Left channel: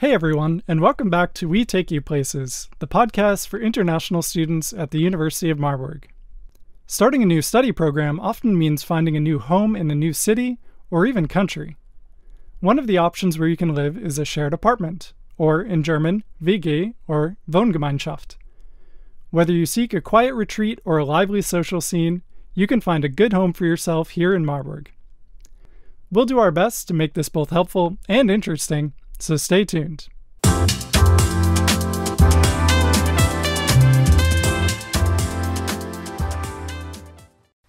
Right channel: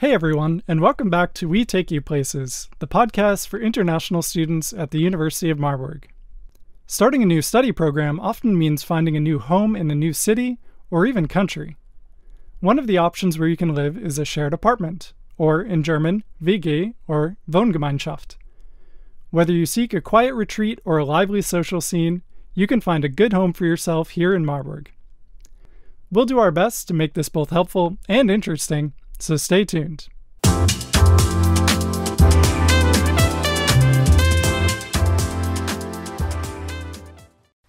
Hey everyone, and welcome back to We Take You Places, the podcast for international students at the University of Marburg. Starting a new study program often means finding a new home in a new city or even country. One of the options where you can live is a shared apartment, or in German, WG or Wohngemeinschaft. Whether you seek a quiet retreat or a lively social scene, you can find a good home for yourself here in Marburg. We'll do our best to make this both helpful and interesting, so stay tuned.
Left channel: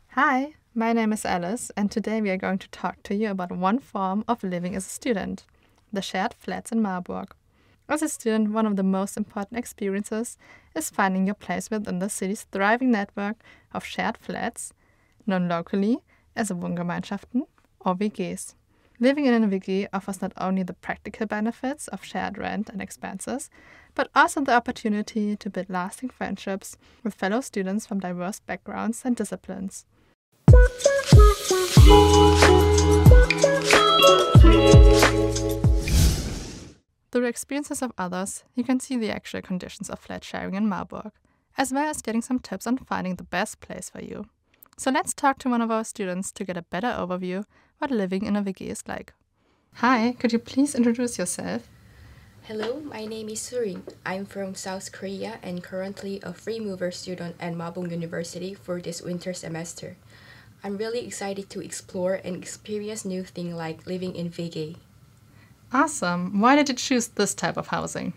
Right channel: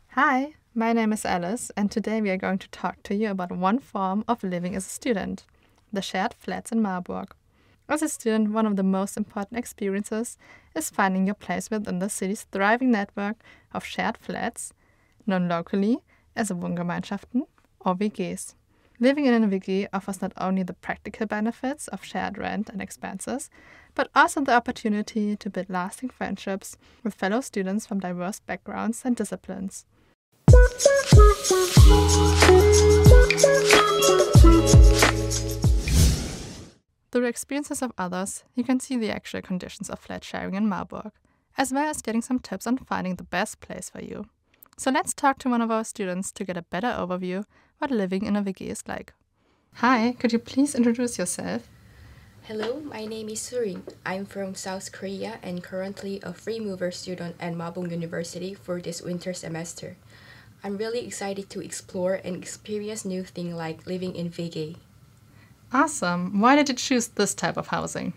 Hi, my name is Alice, and today we are going to talk to you about one form of living as a student, the shared flats in Marburg. As a student, one of the most important experiences is finding your place within the city's thriving network of shared flats, known locally as Wohngemeinschaften or WGs. Living in a WG offers not only the practical benefits of shared rent and expenses, but also the opportunity to build lasting friendships with fellow students from diverse backgrounds and disciplines. Through the experiences of others, you can see the actual conditions of flat sharing in Marburg, as well as getting some tips on finding the best place for you. So let's talk to one of our students to get a better overview what living in a WG is like. Hi, could you please introduce yourself? Hello, my name is Surim. I'm from South Korea and currently a free mover student at Marburg University for this winter semester. I'm really excited to explore and experience new things like living in WG. Awesome. Why did you choose this type of housing?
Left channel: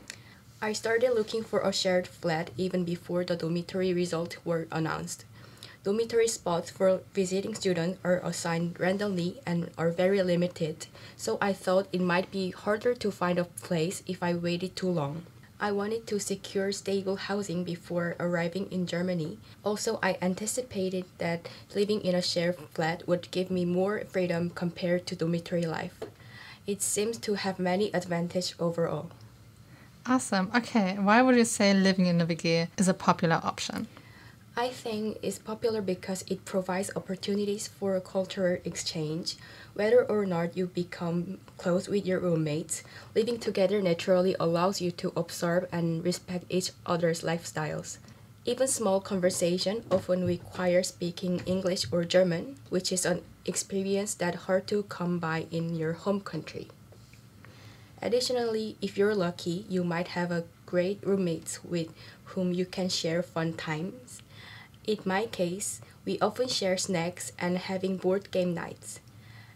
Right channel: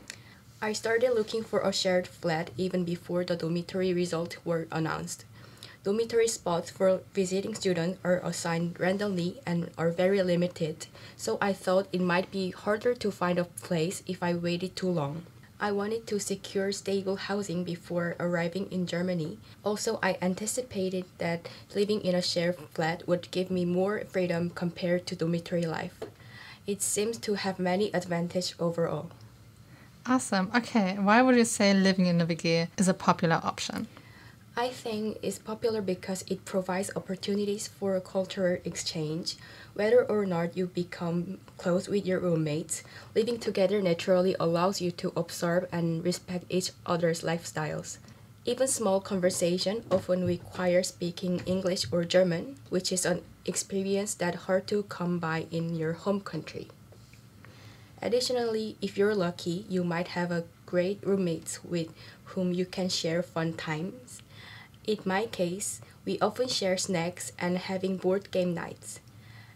I started looking for a shared flat even before the dormitory results were announced. Dormitory spots for visiting students are assigned randomly and are very limited, so I thought it might be harder to find a place if I waited too long. I wanted to secure stable housing before arriving in Germany. Also, I anticipated that living in a shared flat would give me more freedom compared to dormitory life. It seems to have many advantages overall. Awesome. Okay, why would you say living in a WG is a popular option? I think it's popular because it provides opportunities for a cultural exchange. Whether or not you become close with your roommates, living together naturally allows you to observe and respect each other's lifestyles. Even small conversation often require speaking English or German, which is an experience that's hard to come by in your home country. Additionally, if you're lucky, you might have a great roommates with whom you can share fun times. In my case, we often share snacks and having board game nights.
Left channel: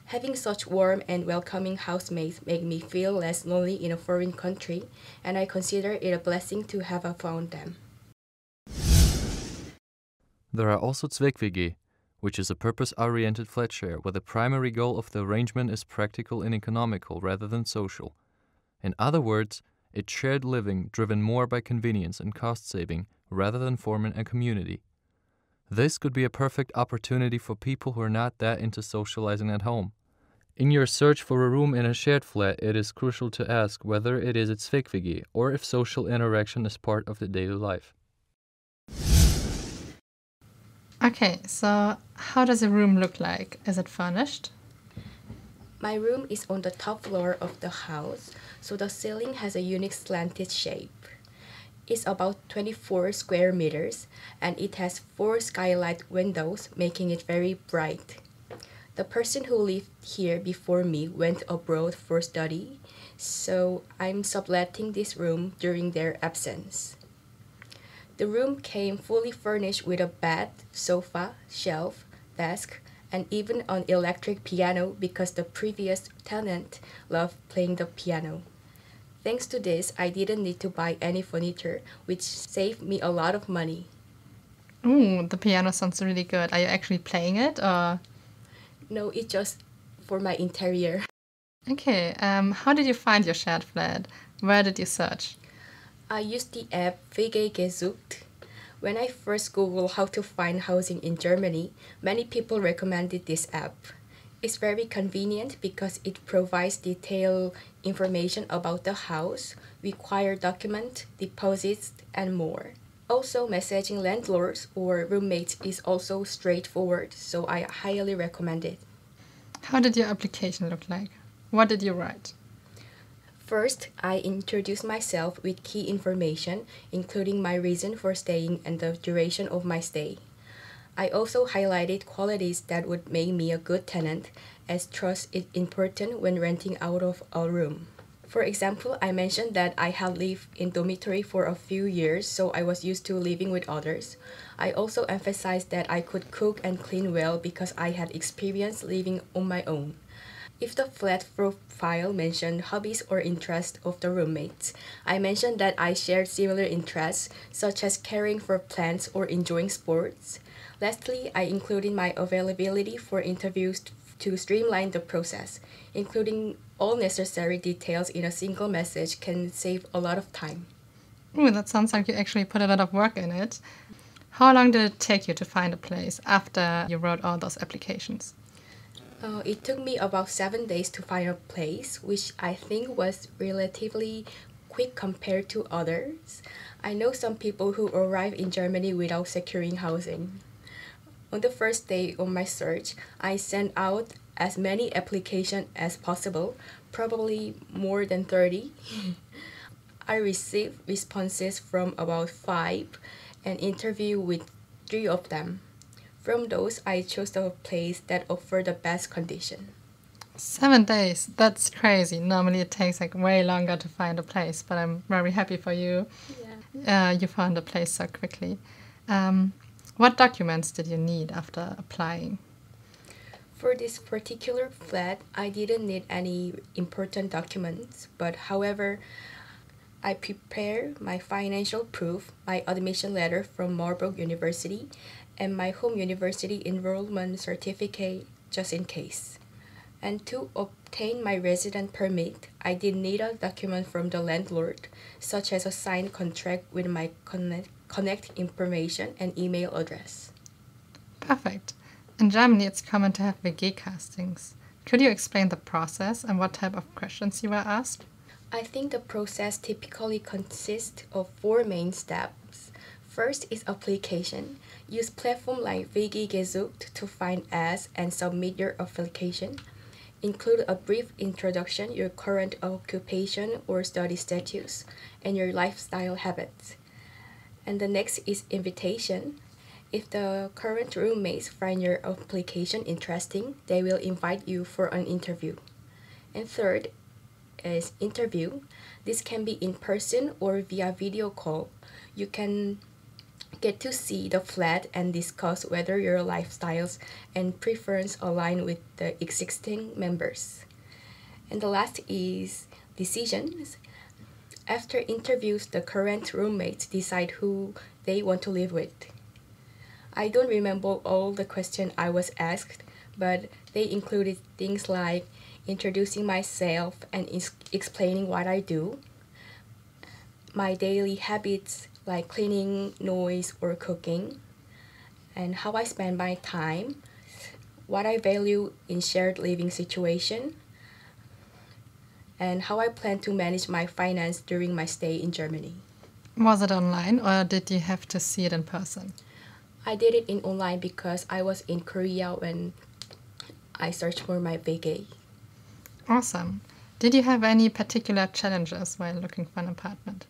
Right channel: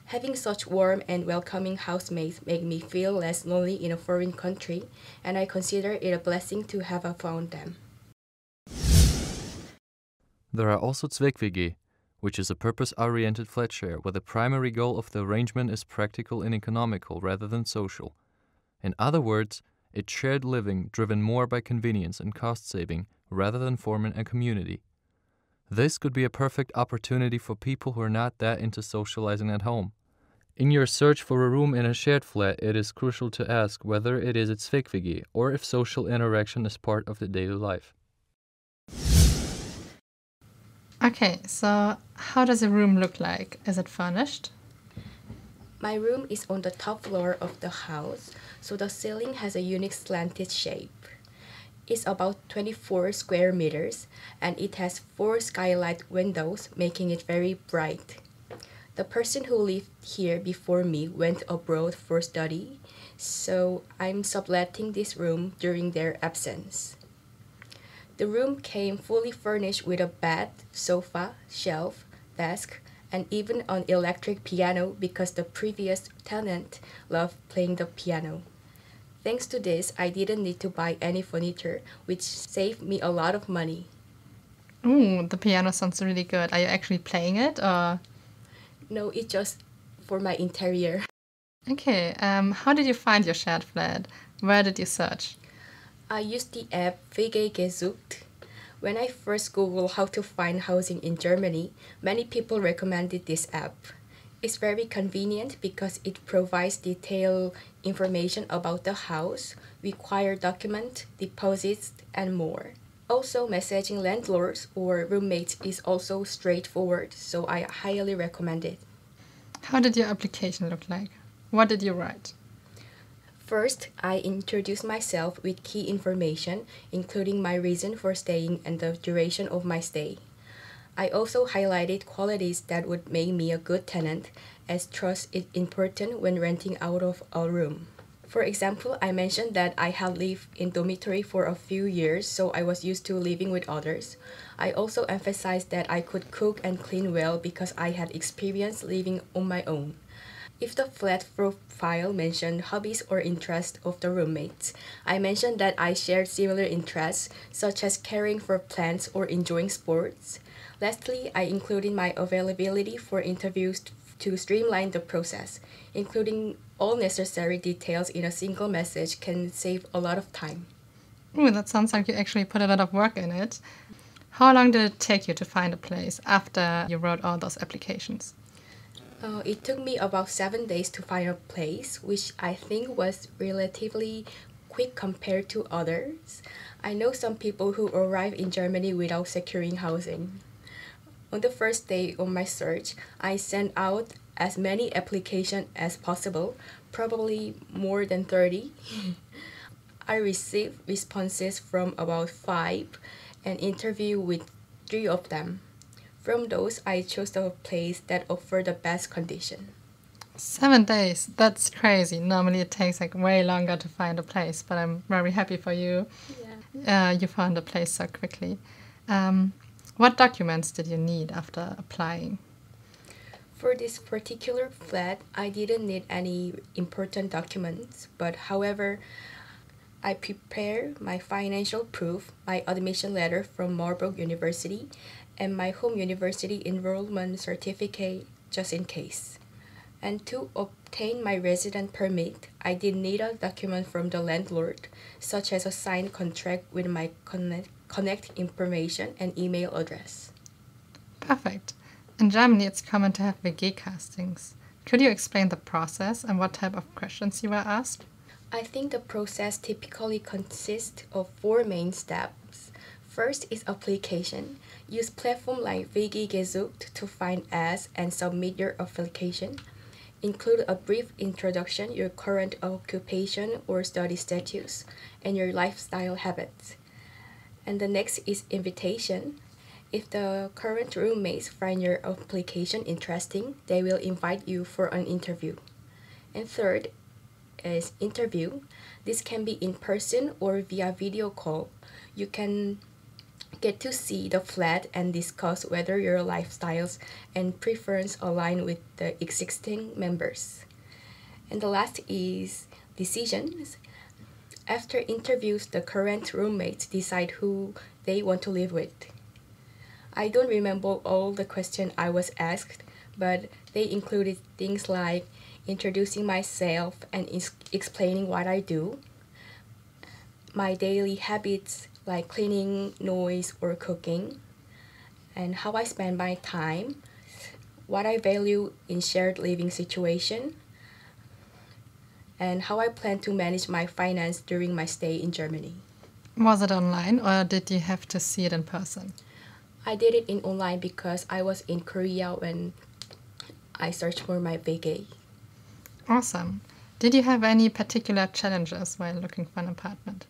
Having such warm and welcoming housemates make me feel less lonely in a foreign country, and I consider it a blessing to have found them. There are also Zweck-WG, which is a purpose-oriented flat share where the primary goal of the arrangement is practical and economical rather than social. In other words, it's shared living driven more by convenience and cost saving rather than forming a community. This could be a perfect opportunity for people who are not that into socializing at home. In your search for a room in a shared flat, it is crucial to ask whether it is a Zweck-WG or if social interaction is part of the daily life. Okay, so how does a room look like? Is it furnished? My room is on the top floor of the house, so the ceiling has a unique slanted shape. It's about 24 square meters, and it has 4 skylight windows, making it very bright. The person who lived here before me went abroad for study, so I'm subletting this room during their absence. The room came fully furnished with a bed, sofa, shelf, desk, and even an electric piano because the previous tenant loved playing the piano. Thanks to this, I didn't need to buy any furniture, which saved me a lot of money. Ooh, the piano sounds really good. Are you actually playing it, or? No, it's just for my interior. Okay, how did you find your shared flat? Where did you search? I used the app WG gesucht. When I first Googled how to find housing in Germany, many people recommended this app. It's very convenient because it provides detailed information about the house, required documents, deposits, and more. Also, messaging landlords or roommates is also straightforward, so I highly recommend it. How did your application look like? What did you write? First, I introduce myself with key information, including my reason for staying and the duration of my stay. I also highlighted qualities that would make me a good tenant, as trust is important when renting out of a room. For example, I mentioned that I had lived in dormitory for a few years, so I was used to living with others. I also emphasized that I could cook and clean well because I had experience living on my own. If the flat profile mentioned hobbies or interests of the roommates, I mentioned that I shared similar interests, such as caring for plants or enjoying sports. Lastly, I included my availability for interviews to streamline the process. Including all necessary details in a single message can save a lot of time. Ooh, that sounds like you actually put a lot of work in it. How long did it take you to find a place after you wrote all those applications? It took me about 7 days to find a place, which I think was relatively quick compared to others. I know some people who arrive in Germany without securing housing. On the first day of my search, I sent out as many applications as possible, probably more than 30. I received responses from about 5 and interviewed with 3 of them. From those, I chose the place that offered the best condition. 7 days, that's crazy. Normally it takes like way longer to find a place, but I'm very happy for you. Yeah. You found a place so quickly. What documents did you need after applying? For this particular flat, I didn't need any important documents, but however, I prepared my financial proof, my admission letter from Marburg University, and my home university enrollment certificate just in case. And to obtain my resident permit, I did need a document from the landlord, such as a signed contract with my connect information and email address. Perfect. In Germany, it's common to have WG castings. Could you explain the process and what type of questions you were asked? I think the process typically consists of 4 main steps. First is application. Use platform like WG gesucht to find ads and submit your application. Include a brief introduction, your current occupation or study status, and your lifestyle habits. And the next is invitation. If the current roommates find your application interesting, they will invite you for an interview. And third is interview. This can be in person or via video call. You can get to see the flat and discuss whether your lifestyles and preference align with the existing members. And the last is decisions. After interviews, the current roommates decide who they want to live with. I don't remember all the questions I was asked, but they included things like introducing myself and explaining what I do, my daily habits like cleaning, noise, or cooking, and how I spend my time, what I value in shared living situation, and how I plan to manage my finance during my stay in Germany. Was it online or did you have to see it in person? I did it in online because I was in Korea when I searched for my WG. Awesome. Did you have any particular challenges while looking for an apartment?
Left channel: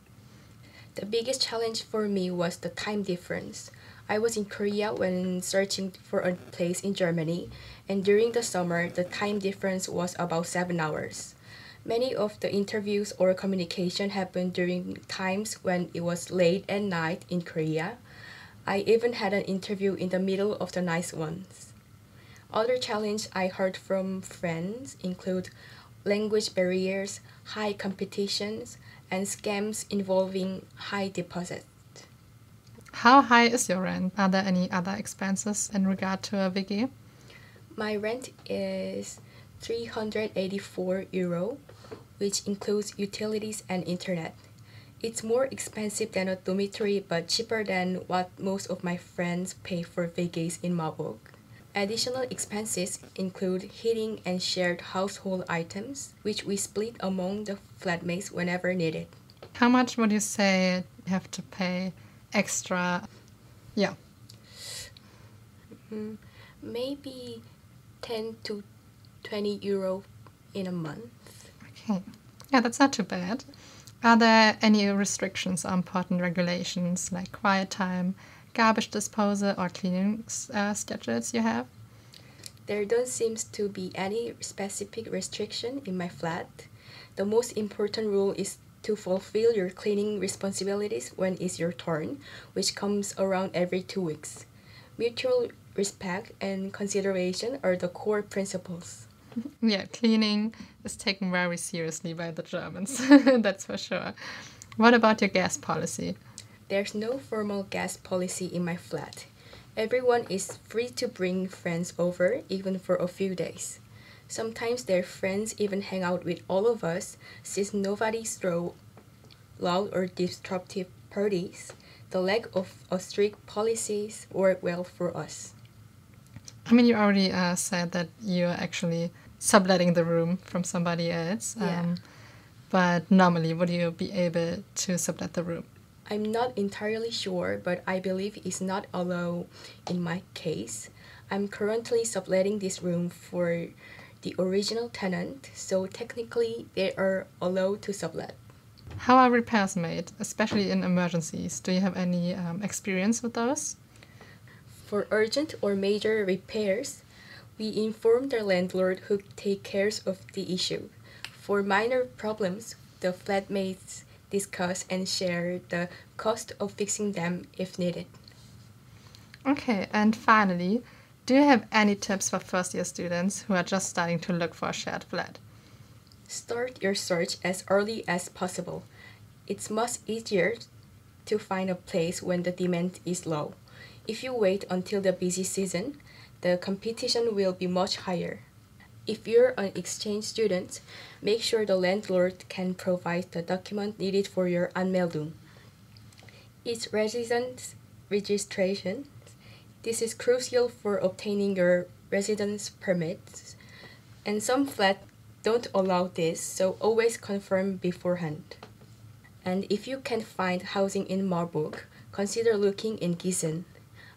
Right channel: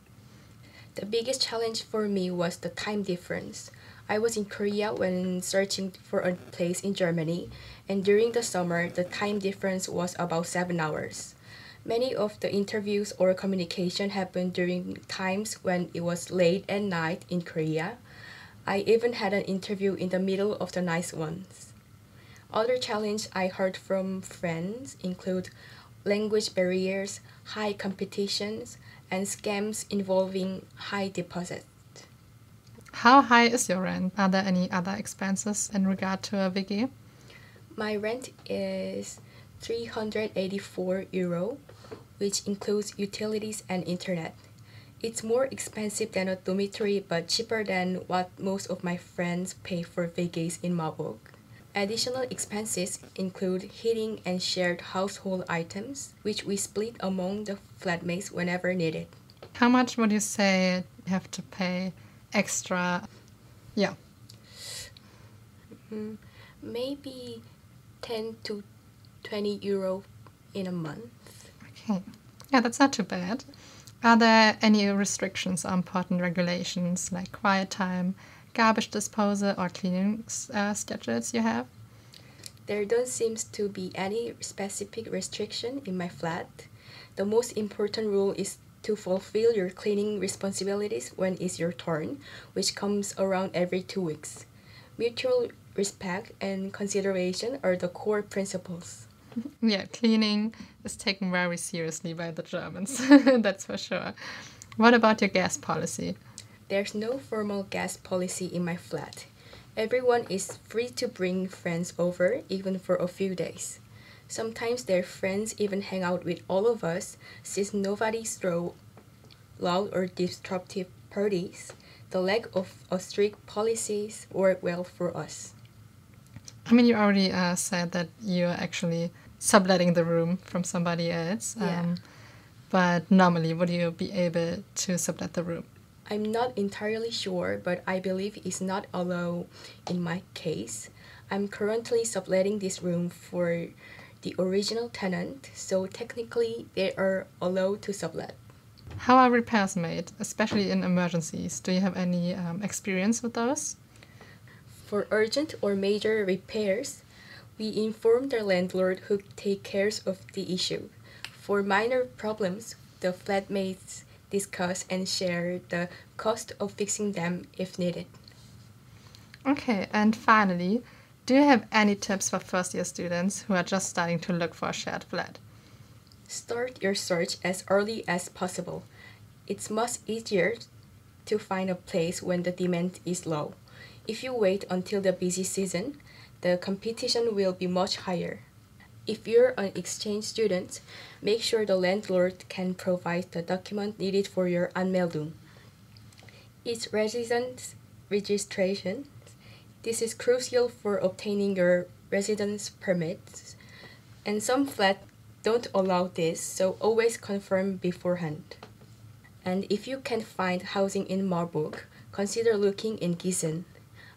The biggest challenge for me was the time difference. I was in Korea when searching for a place in Germany, and during the summer, the time difference was about 7 hours. Many of the interviews or communication happened during times when it was late at night in Korea. I even had an interview in the middle of the night once. Other challenges I heard from friends include language barriers, high competitions, and scams involving high deposits. How high is your rent? Are there any other expenses in regard to a WG? My rent is €384, which includes utilities and internet. It's more expensive than a dormitory but cheaper than what most of my friends pay for WGs in Marburg. Additional expenses include heating and shared household items, which we split among the flatmates whenever needed. How much would you say you have to pay extra? Yeah. Maybe 10 to €20 in a month. Okay. Yeah, that's not too bad. Are there any restrictions or important regulations like quiet time, garbage disposal, or cleaning schedules you have? There don't seem to be any specific restriction in my flat. The most important rule is to fulfill your cleaning responsibilities when it's your turn, which comes around every 2 weeks. Mutual respect and consideration are the core principles. Yeah, cleaning is taken very seriously by the Germans, that's for sure. What about your gas policy? There's no formal gas policy in my flat. Everyone is free to bring friends over, even for a few days. Sometimes their friends even hang out with all of us, since nobody throws loud or disruptive parties. The lack of a strict policies work well for us. I mean, you already said that you're actually subletting the room from somebody else. Yeah. But normally, would you be able to sublet the room? I'm not entirely sure, but I believe it's not allowed in my case. I'm currently subletting this room for the original tenant, so technically they are allowed to sublet. How are repairs made, especially in emergencies? Do you have any experience with those? For urgent or major repairs, we inform the landlord who takes care of the issue. For minor problems, the flatmates discuss and share the cost of fixing them if needed. Okay, and finally, do you have any tips for first-year students who are just starting to look for a shared flat? Start your search as early as possible. It's much easier to find a place when the demand is low. If you wait until the busy season, the competition will be much higher. If you're an exchange student, make sure the landlord can provide the document needed for your Anmeldung. It's residence registration. This is crucial for obtaining your residence permits, and some flats don't allow this, so always confirm beforehand. And if you can't find housing in Marburg, consider looking in Gießen.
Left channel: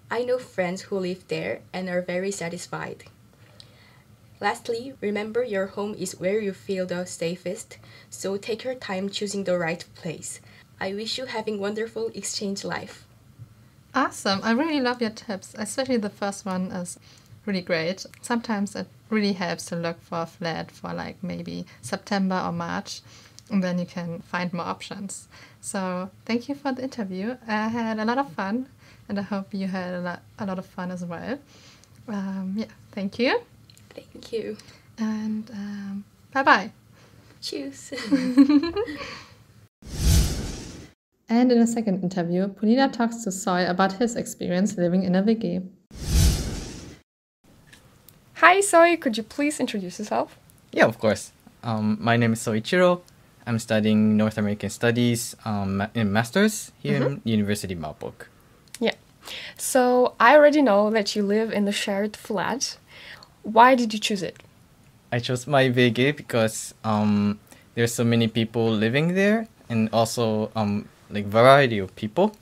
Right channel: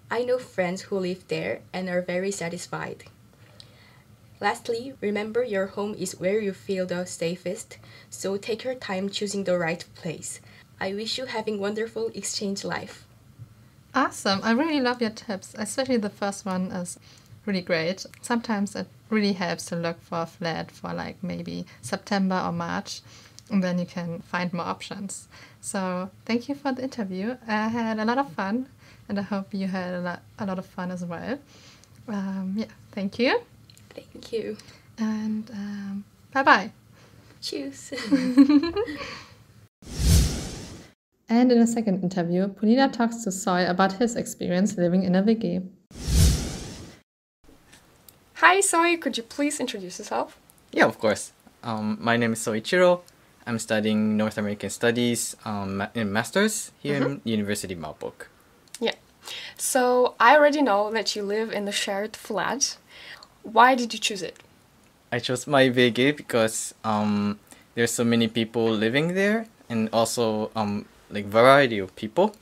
I know friends who live there and are very satisfied. Lastly, remember your home is where you feel the safest, so take your time choosing the right place. I wish you having wonderful exchange life. Awesome. I really love your tips, especially the first one is really great. Sometimes it really helps to look for a flat for like maybe September or March, and then you can find more options. So thank you for the interview. I had a lot of fun, and I hope you had a lot of fun as well. Thank you. Thank you. And bye-bye. Cheers. And in a second interview, Polina talks to Soy about his experience living in a WG. Hi Soy, could you please introduce yourself? Yeah, of course. My name is Soichiro. I'm studying North American Studies in Masters here in University of Marburg. Yeah. So I already know that you live in the shared flat. Why did you choose it? I chose my WG because there's so many people living there, and also like variety of people,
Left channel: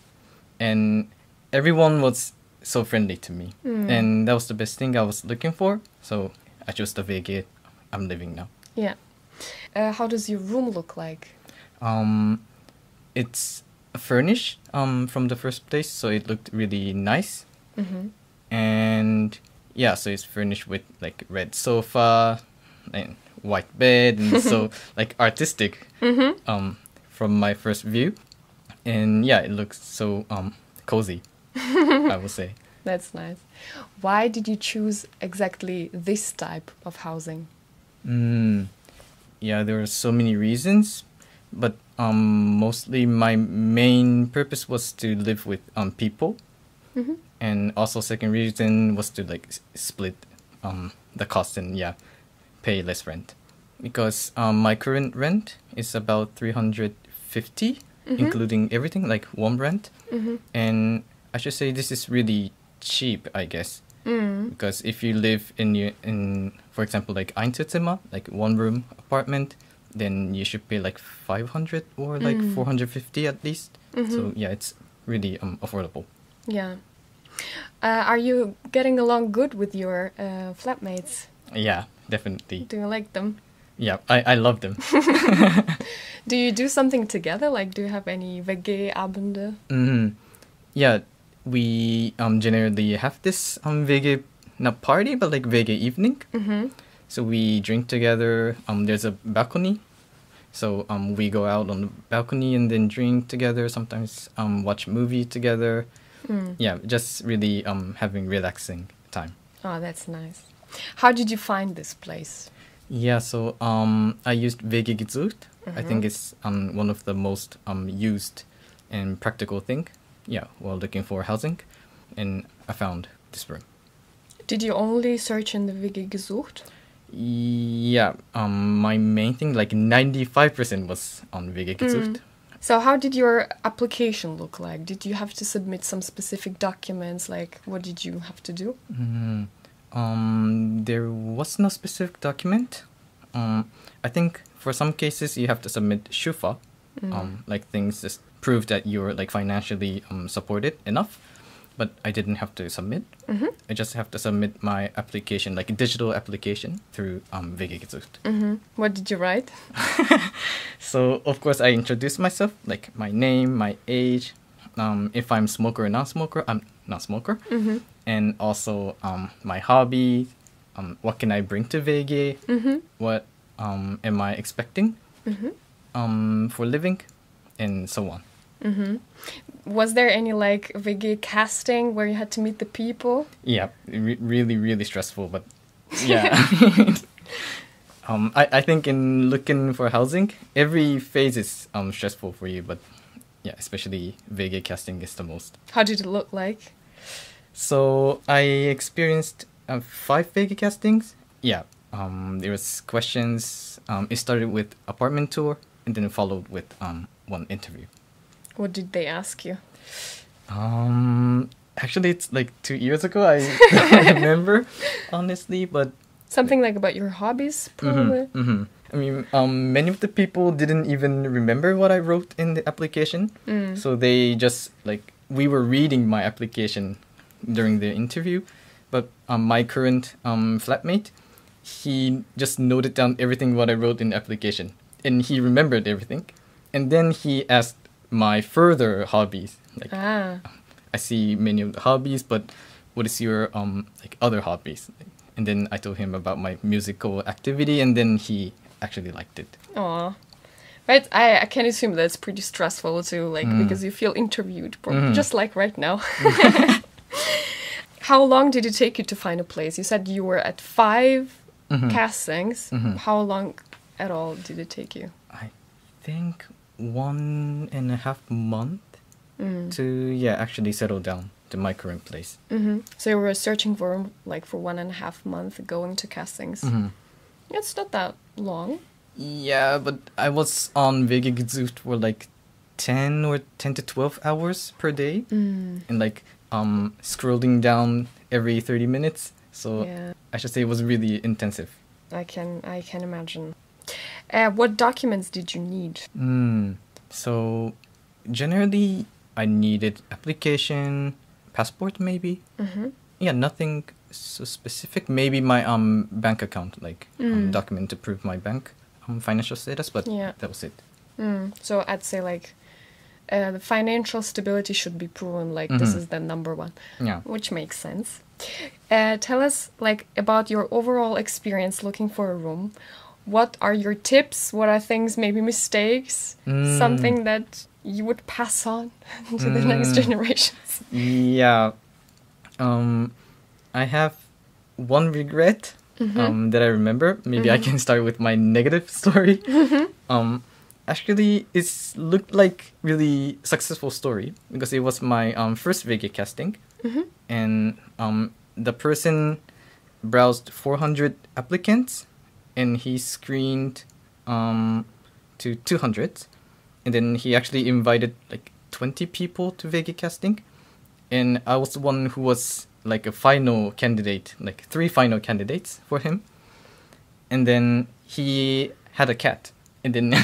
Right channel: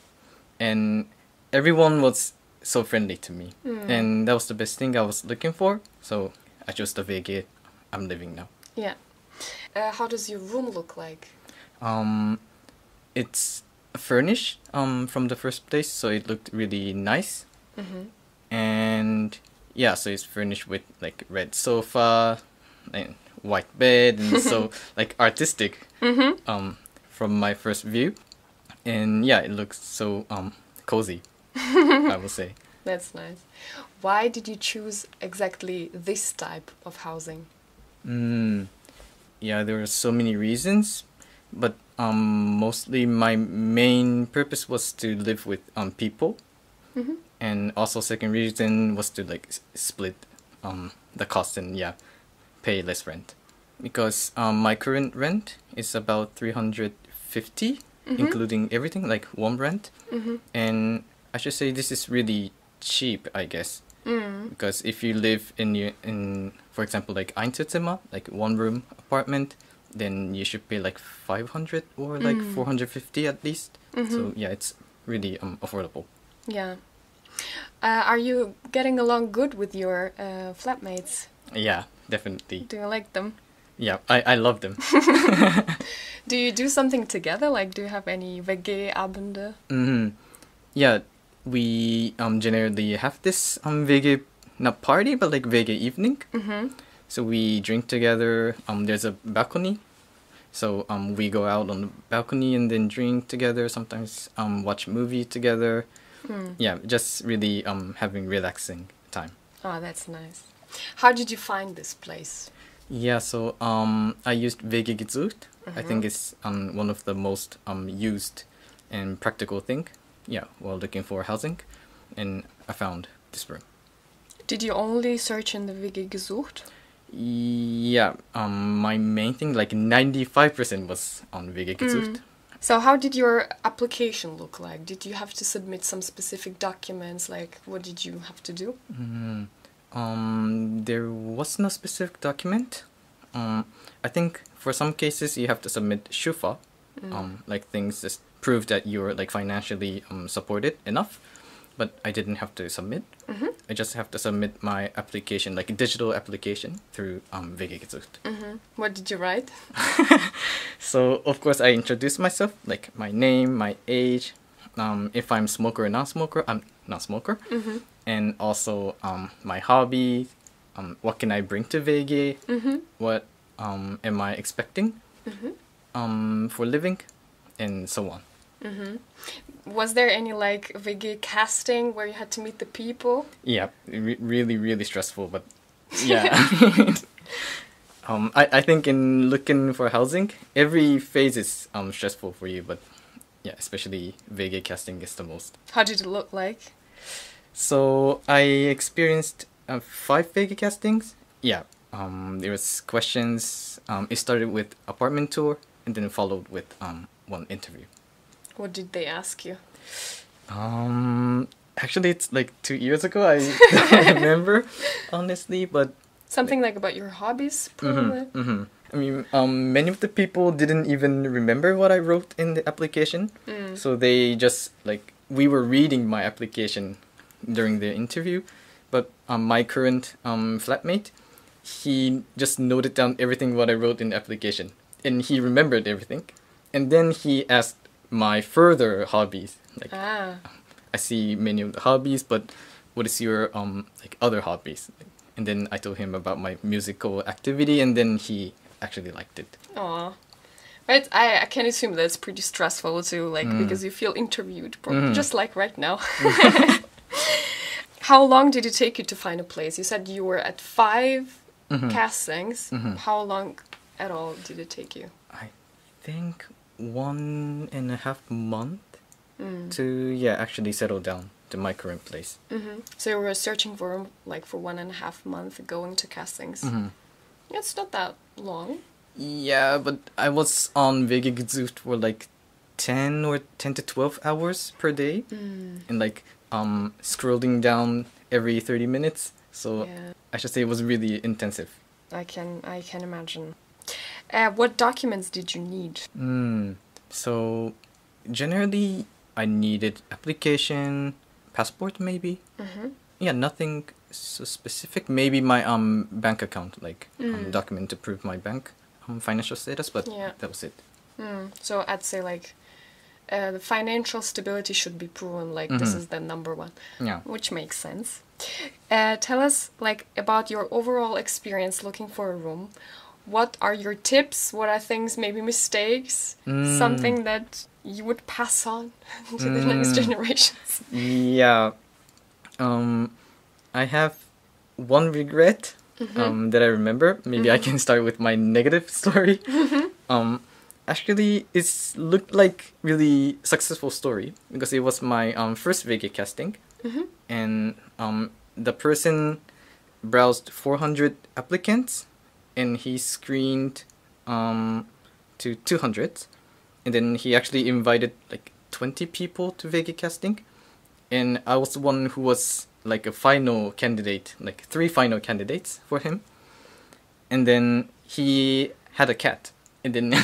and everyone was so friendly to me, and that was the best thing I was looking for. So I chose the WG I'm living now. Yeah. How does your room look like? It's furnished from the first place, so it looked really nice. And yeah, so it's furnished with like red sofa and white bed, and so like artistic from my first view. And yeah, it looks so cozy, I would say. That's nice. Why did you choose exactly this type of housing? Yeah, there are so many reasons, but mostly my main purpose was to live with people. And also second reason was to like split the cost and pay less rent, because my current rent is about 350, including everything like warm rent. And I should say this is really cheap, I guess, because if you live in for example like Einzelzimmer, like one room apartment, then you should pay like 500 or like 450 at least. So yeah, it's really affordable. Yeah. Are you getting along good with your flatmates? Yeah, definitely. Do you like them? Yeah, I love them. Do you do something together? Like, do you have any WG-Abende? Yeah, we generally have this WG, not party, but like WG evening. So we drink together. There's a balcony, so we go out on the balcony and then drink together. Sometimes watch movie together. Yeah, just really having relaxing time. Oh, that's nice. How did you find this place? Yeah, so I used WG gesucht. I think it's one of the most used and practical thing. Yeah, while looking for housing, and I found this room. Did you only search in the WG gesucht? Yeah, my main thing, like 95% was on WG gesucht. So how did your application look like? Did you have to submit some specific documents? Like, what did you have to do? There was no specific document. I think for some cases you have to submit shufa, like things that prove that you're like financially supported enough. But I didn't have to submit. I just have to submit my application, like a digital application, through WG gesucht. What did you write? So of course I introduced myself, like my name, my age, if I'm smoker or non-smoker. I'm not smoker, and also my hobby, what can I bring to WG, what am I expecting for living, and so on. Was there any like WG casting where you had to meet the people? Yeah, really stressful, but yeah. I think in looking for housing, every phase is stressful for you, but yeah, especially WG casting is the most. How did it look like? So I experienced 5 WG castings. Yeah, there was questions. It started with apartment tour and then followed with one interview. What did they ask you? Actually, it's like 2 years ago. I don't remember honestly, but Something like about your hobbies, probably? I mean, many of the people didn't even remember what I wrote in the application. So they just, like, we were reading my application during the interview, but my current flatmate, he just noted down everything what I wrote in the application, and he remembered everything. And then he asked my further hobbies. Like, I see many of the hobbies, but what is your like other hobbies? And then I told him about my musical activity, and then he actually liked it. Aw. Right, I can assume that's pretty stressful too, like, because you feel interviewed, just like right now. How long did it take you to find a place? You said you were at 5 castings. How long at all did it take you? I think 1.5 months to, yeah, actually settle down to my current place. So you were searching for, like, for 1.5 months, going to castings. It's not that long. Yeah, but I was on WG gesucht for like 10 to 12 hours per day, and like scrolling down every 30 minutes. So Yeah. I should say it was really intensive. I can imagine. What documents did you need? So generally I needed application, passport maybe. Yeah, nothing so specific. Maybe my bank account, like document to prove my bank financial status, but Yeah. that was it. So I'd say, like, the financial stability should be proven, like, this is the number one, Yeah. which makes sense. Tell us, like, about your overall experience looking for a room. What are your tips? What are things, maybe mistakes? Something that you would pass on to the next generations? Yeah. I have one regret that I remember. Maybe I can start with my negative story. Actually, it looked like really successful story because it was my first WG casting, and the person browsed 400 applicants, and he screened to 200, and then he actually invited like 20 people to WG casting, and I was one who was like a final candidate, like 3 final candidates for him, and then he had a cat, and then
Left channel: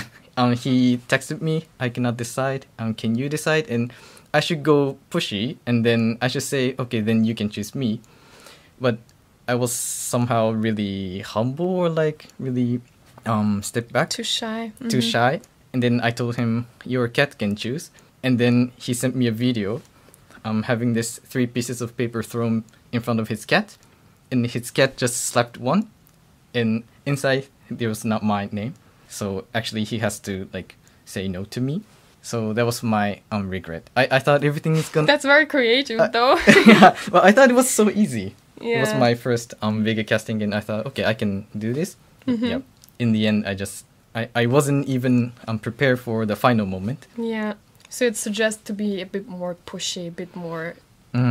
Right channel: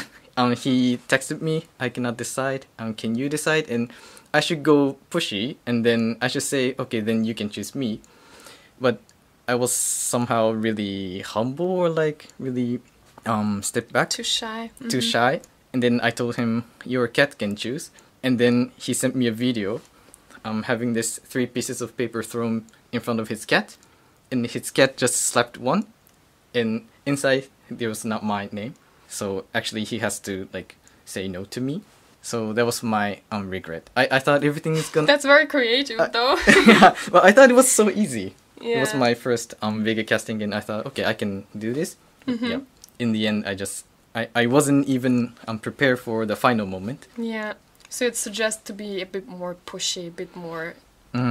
he texted me, I cannot decide, can you decide? And I should go pushy, and then I should say, okay, then you can choose me. But I was somehow really humble, or like really stepped back. Too shy. Too shy. And then I told him, your cat can choose. And then he sent me a video having this 3 pieces of paper thrown in front of his cat. And his cat just slapped one. And inside, there was not my name. So actually, he has to like say no to me. So that was my regret. I thought everything was gonna... That's very creative, though. Yeah, well, I thought it was so easy. Yeah. It was my first Vega casting, and I thought, okay, I can do this. Mm-hmm. Yeah. In the end, I wasn't even prepared for the final moment. Yeah. So it suggests to be a bit more pushy, a bit more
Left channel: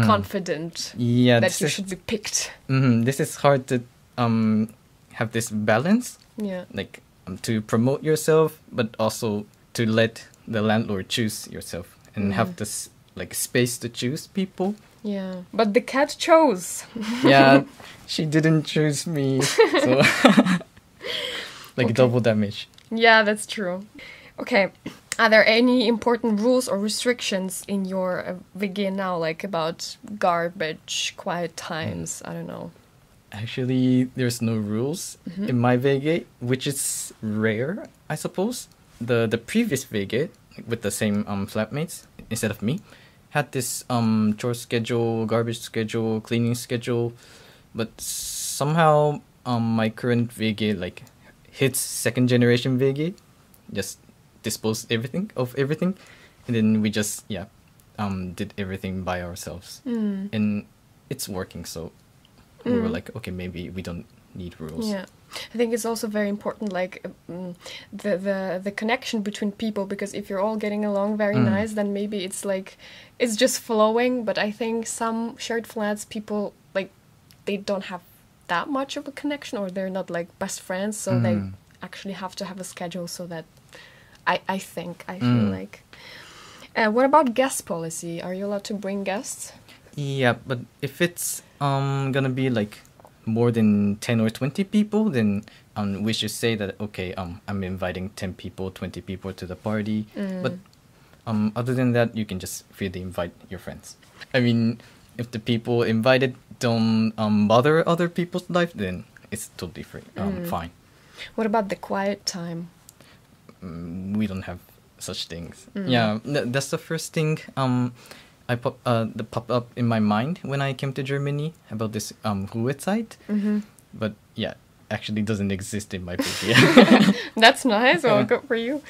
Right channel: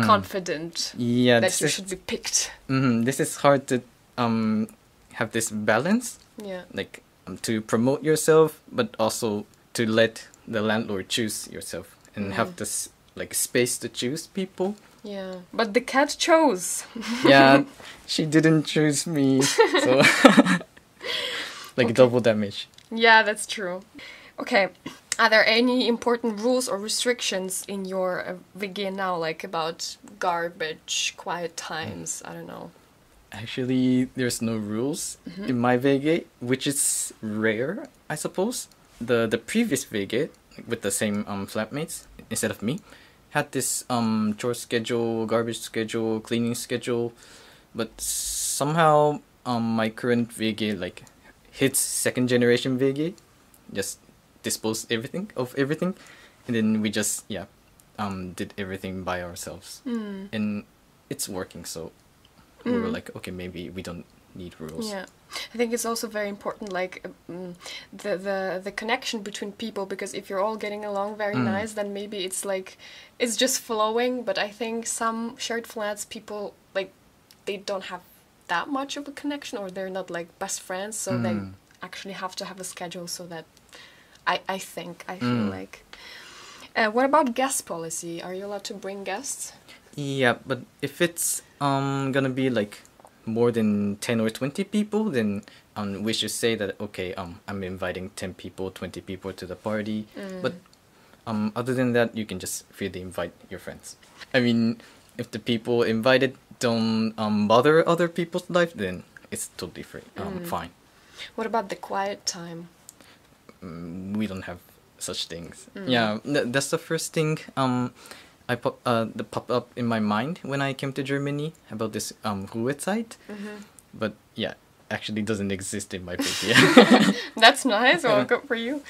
confident that you should be picked. This is hard to have this balance. Yeah. Like to promote yourself, but also to let the landlord choose yourself and have this like space to choose people. Yeah. But the cat chose. Yeah. She didn't choose me. So like Okay. double damage. Yeah, that's true. Okay. Are there any important rules or restrictions in your WG now, like about garbage, quiet times? I don't know. Actually, there's no rules in my VG, which is rare, I suppose. The previous VG, with the same flatmates, instead of me, had this chore schedule, garbage schedule, cleaning schedule, but somehow my current VG like hits 2nd generation VG, just dispose of everything, and then we just did everything by ourselves, and it's working. So we were like, okay, maybe we don't need rules. Yeah, I think it's also very important, like the connection between people, because if you're all getting along very nice, then maybe it's like it's just flowing. But I think some shared flats, people like they don't have that much of a connection, or they're not like best friends, so they actually have to have a schedule so that I feel like. What about guest policy? Are you allowed to bring guests? Yeah, but if it's gonna be like more than 10 or 20 people, then we should say that, okay, I'm inviting 10 people, 20 people to the party. But other than that, you can just freely invite your friends. I mean, if the people invited don't bother other people's life, then it's still different. Fine. What about the quiet time? We don't have such things. Yeah, that's the first thing that popped up in my mind when I came to Germany about this site. But yeah, actually doesn't exist in my country. That's nice. Well, good for you.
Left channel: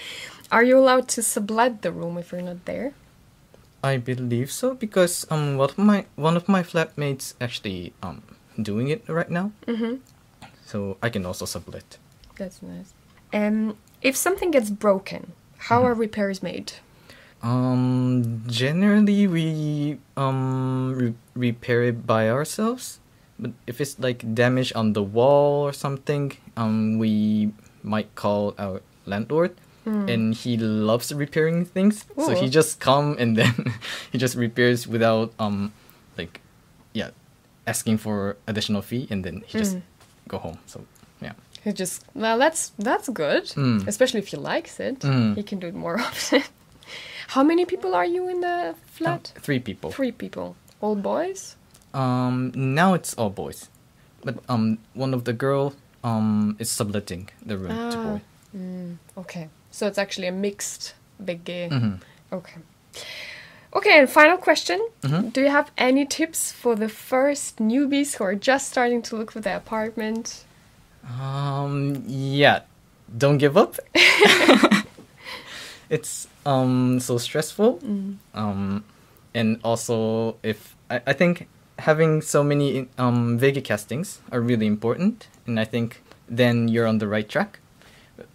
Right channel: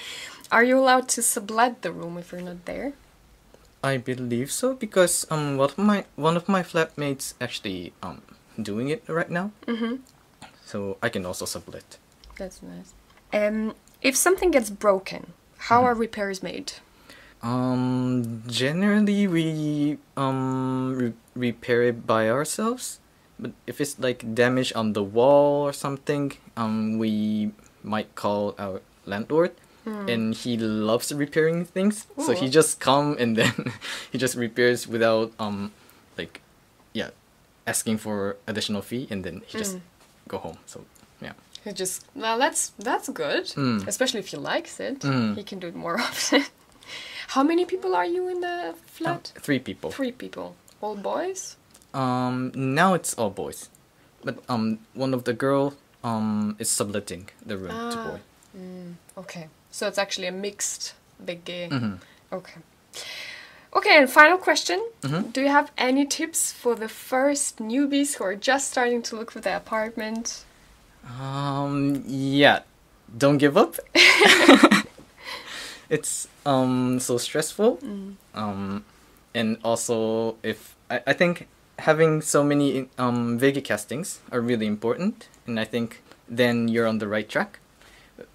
Are you allowed to sublet the room if you're not there? I believe so, because one of my flatmates actually doing it right now. So I can also sublet. That's nice. If something gets broken, how are repairs made? Generally we repair it by ourselves. But if it's like damage on the wall or something, we might call our landlord. And he loves repairing things. Ooh. So he just come and then he just repairs without asking for additional fee, and then he just go home. So yeah. He just, well, that's good. Especially if he likes it. He can do it more often. How many people are you in the flat? 3 people. 3 people. All boys? Now it's all boys. But one of the girl is subletting the room to her. Okay. So it's actually a mixed big Okay. Okay, and final question. Do you have any tips for the first newbies who are just starting to look for their apartment? Yeah. Don't give up. It's so stressful. And also I think having so many Vega castings are really important, and I think then you're on the right track.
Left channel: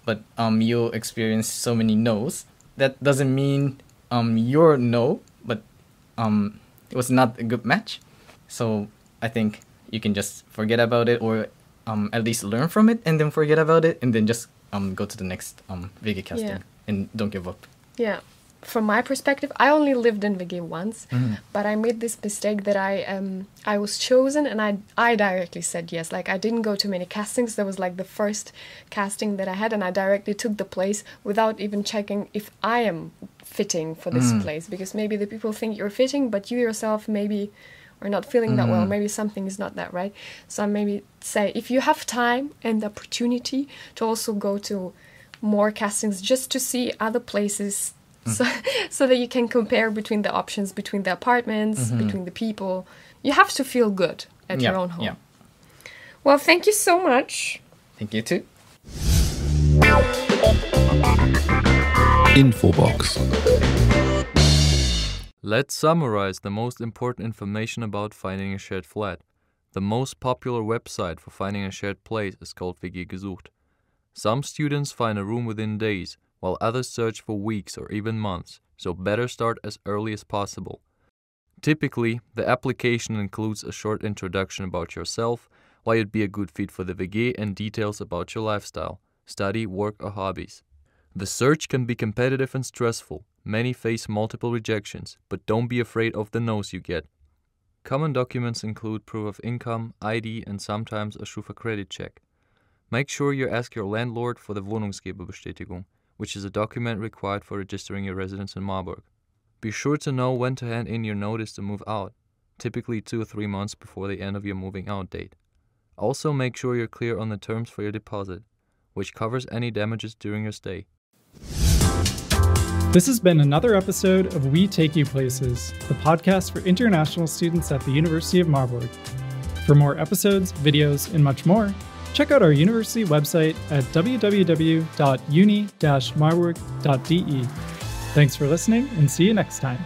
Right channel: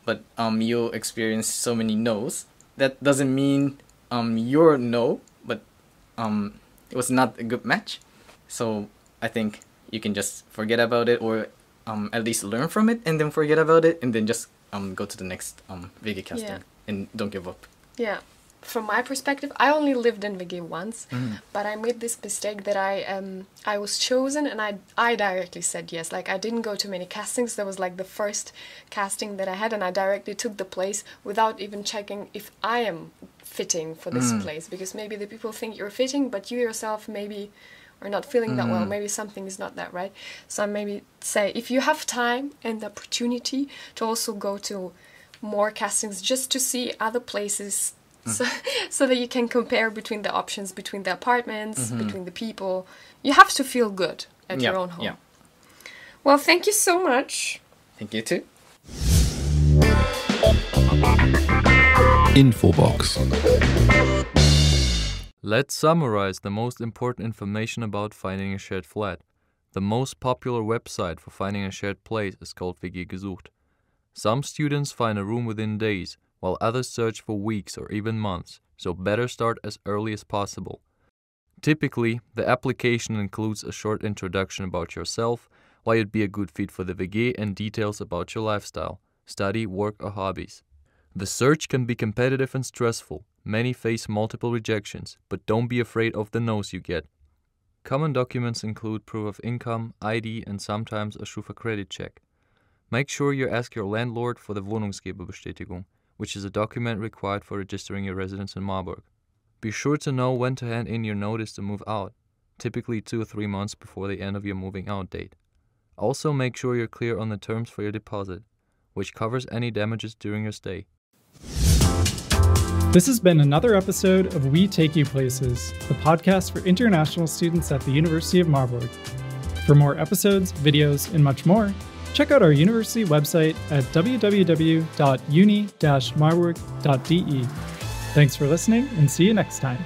But you'll experience so many no's. That doesn't mean you're no, but it was not a good match. So I think you can just forget about it, or at least learn from it, and then forget about it, and then just go to the next Vega casting, and don't give up. Yeah. From my perspective, I only lived in VG once, but I made this mistake that I was chosen and I directly said yes. Like, I didn't go to many castings. That was like the first casting that I had, and I directly took the place without even checking if I am fitting for this place, because maybe the people think you're fitting, but you yourself maybe or not feeling that well, maybe something is not that right. So I maybe say, if you have time and the opportunity to also go to more castings just to see other places, so that you can compare between the options, between the apartments, between the people. You have to feel good at your own home. Yeah. Well, thank you so much. Thank you too. Infobox. Let's summarize the most important information about finding a shared flat. The most popular website for finding a shared place is called WG gesucht. Some students find a room within days, while others search for weeks or even months, so better start as early as possible. Typically, the application includes a short introduction about yourself, why you'd be a good fit for the WG, and details about your lifestyle, study, work, or hobbies. The search can be competitive and stressful. Many face multiple rejections, but don't be afraid of the no's you get. Common documents include proof of income, ID, and sometimes a Schufa credit check. Make sure you ask your landlord for the Wohnungsgeberbestätigung, which is a document required for registering your residence in Marburg. Be sure to know when to hand in your notice to move out, typically 2 or 3 months before the end of your moving out date. Also make sure you're clear on the terms for your deposit, which covers any damages during your stay. This has been another episode of We Take You Places, the podcast for international students at the University of Marburg. For more episodes, videos, and much more, check out our university website at www.uni-marburg.de. Thanks for listening, and see you next time.